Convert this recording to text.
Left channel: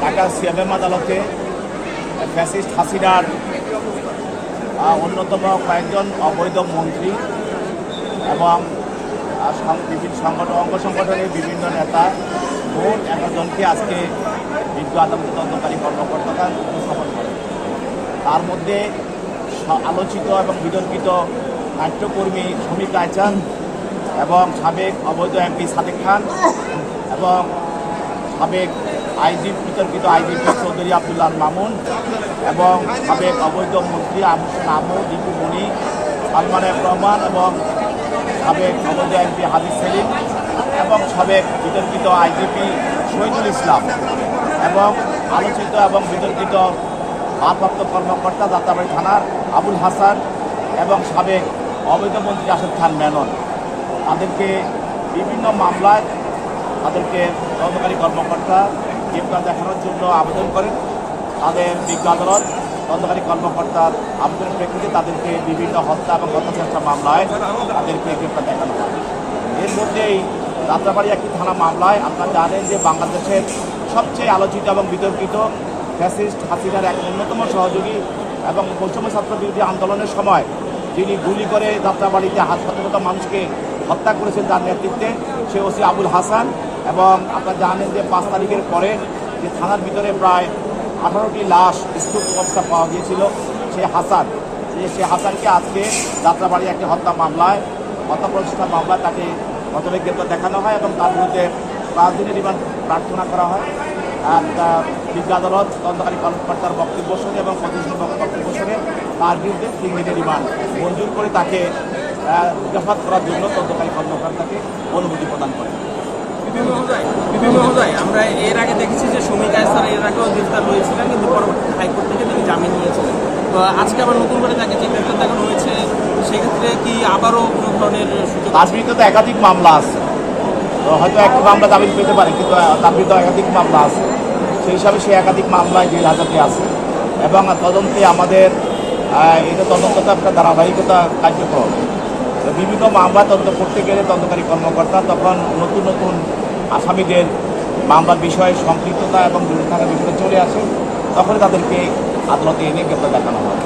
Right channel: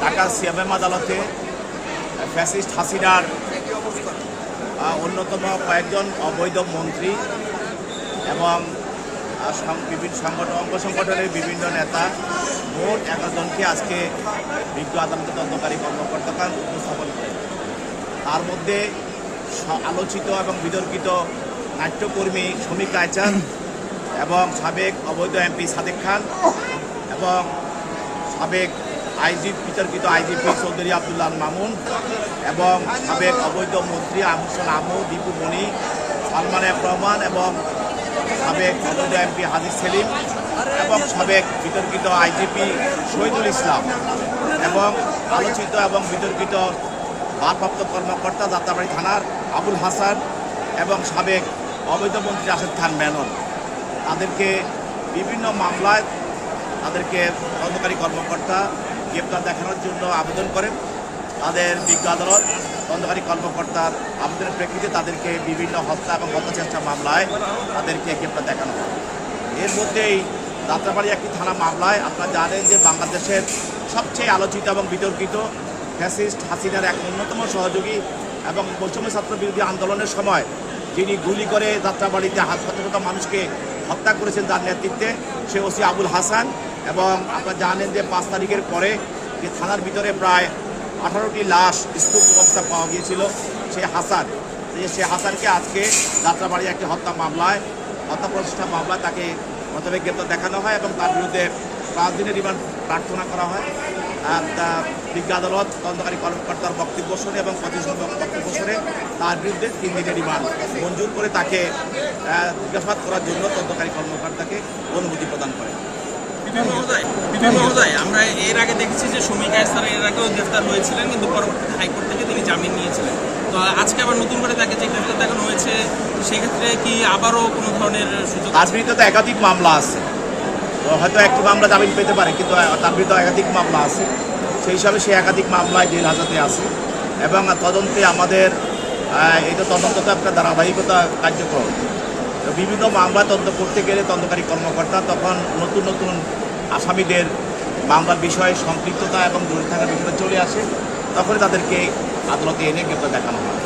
Dhaka CMM আদালতে fascist হাসিনার অন্যতম কয়েকজন অবৈধ মন্ত্রী এবং বিভিন্ন সংগঠন অঙ্গ সংগঠনের বিভিন্ন নেতা, মোট এগারোজনকে আজকে বিজ্ঞ আদালত তদন্তকারী কর্মকর্তারা উপস্থাপন করেন। তার মধ্যে আলোচিত এবং বিতর্কিত নাট্যকর্মী শ্রমিক রায়চান এবং সাবেক অবৈধ এমপি সাদেক খান এবং সাবেক আইজি বিতর্কিত আইজিপি চৌধুরী আবদুল্লাহ মামুন এবং সাবেক অবৈধ মন্ত্রী আবু হোসেন আমু দীপু মণি সালমান রহমান এবং সাবেক অবৈধ এমপি হাজির সেলিম এবং সাবেক বিতর্কিত আইজিপি শহীদুল ইসলাম এবং আলোচিত এবং বিতর্কিত ভারপ্রাপ্ত কর্মকর্তা যাত্রাবাড়ি থানার আবুল হাসান এবং সাবেক অবৈধ মন্ত্রী রাশেদ খান মেনন। তাদেরকে বিভিন্ন মামলায় তাদেরকে তদন্তকারী কর্মকর্তা গ্রেপ্তার দেখানোর জন্য আবেদন করেন। তাদের বিজ্ঞ আদালত তদন্তকারী কর্মকর্তার আবেদনের প্রেক্ষিতে তাদেরকে বিভিন্ন হত্যা এবং হত্যা চেষ্টা মামলায় তাদেরকে গ্রেপ্তার দেখানো হয়। এর মধ্যেই যাত্রাবাড়ি একটি থানা মামলায় আপনারা জানেন যে বাংলাদেশের সবচেয়ে আলোচিত এবং বিতর্কিত ফ্যাসিস্ট হাসিনার এক অন্যতম সহযোগী এবং বৈষম্য ছাত্র বিরোধী আন্দোলনের সময় যিনি গুলি করে যাত্রাবাড়িতে হাসপাতালত মানুষকে হত্যা করেছেন তার নেতৃত্বে, সে ওসি আবুল হাসান। এবং আপনারা জানেন যে পাঁচ তারিখের পরে যে থানার ভিতরে প্রায় আঠারোটি লাশ স্তূপ অবস্থা পাওয়া গিয়েছিল সে হাসান। যে সে হাসানকে আজকে যাত্রাবাড়ি একটি হত্যা মামলায়, হত্যা প্রচেষ্টা মামলায় তাকে প্রথমে গ্রেপ্তার দেখানো হয় এবং তার বিরুদ্ধে পাঁচ দিনের রিমান্ড প্রার্থনা করা হয়। আর বিজ্ঞ আদালত তদন্তকারী কর্মকর্তার বক্তব্য শুনে এবং প্রতিষ্ঠান বক্তব্য শুনে তার বিরুদ্ধে তিন দিনের রিমান্ড মঞ্জুর করে তাকে জিজ্ঞাসাবাদ করার জন্য তদন্তকারী কর্মকর্তাকে অনুমতি প্রদান করে। মহোদয় বিপিন মহোদয় আমরা এর আগে দেখেছি যে সুমিকা স্যার এর আগেও গ্রেফতার হয়েছিলেন, কিন্তু পরবর্তীতে হাইকোর্ট থেকে তিনি জামিন নিয়েছিলেন। তো আজকে আবার নতুন করে তাকে যে গ্রেফতার দেখানো হয়েছে। সেক্ষেত্রে কি আবারও কোনো ধরনের সুযোগ তার তো একাধিক মামলা আছে। হয়তো একটি মামলা জামিন পেতে পারে, কিন্তু তার বিরুদ্ধে একাধিক মামলা আছে। সেই হিসাবে সে একাধিক মামলায় জেল হাজতে আছে। এবং তদন্তে আমাদের এই তো তদন্ত তো একটা ধারাবাহিকতা কার্যক্রম। তো বিভিন্ন মামলা তদন্ত করতে গেলে তদন্তকারী কর্মকর্তা তখন নতুন নতুন আসামিদের মামলার বিষয়ে সম্পৃক্ততা এবং দূরে থাকার বিষয়ে চলে আসে। তখনই তাদেরকে আদালতে এনে গ্রেপ্তার দেখানো হয়।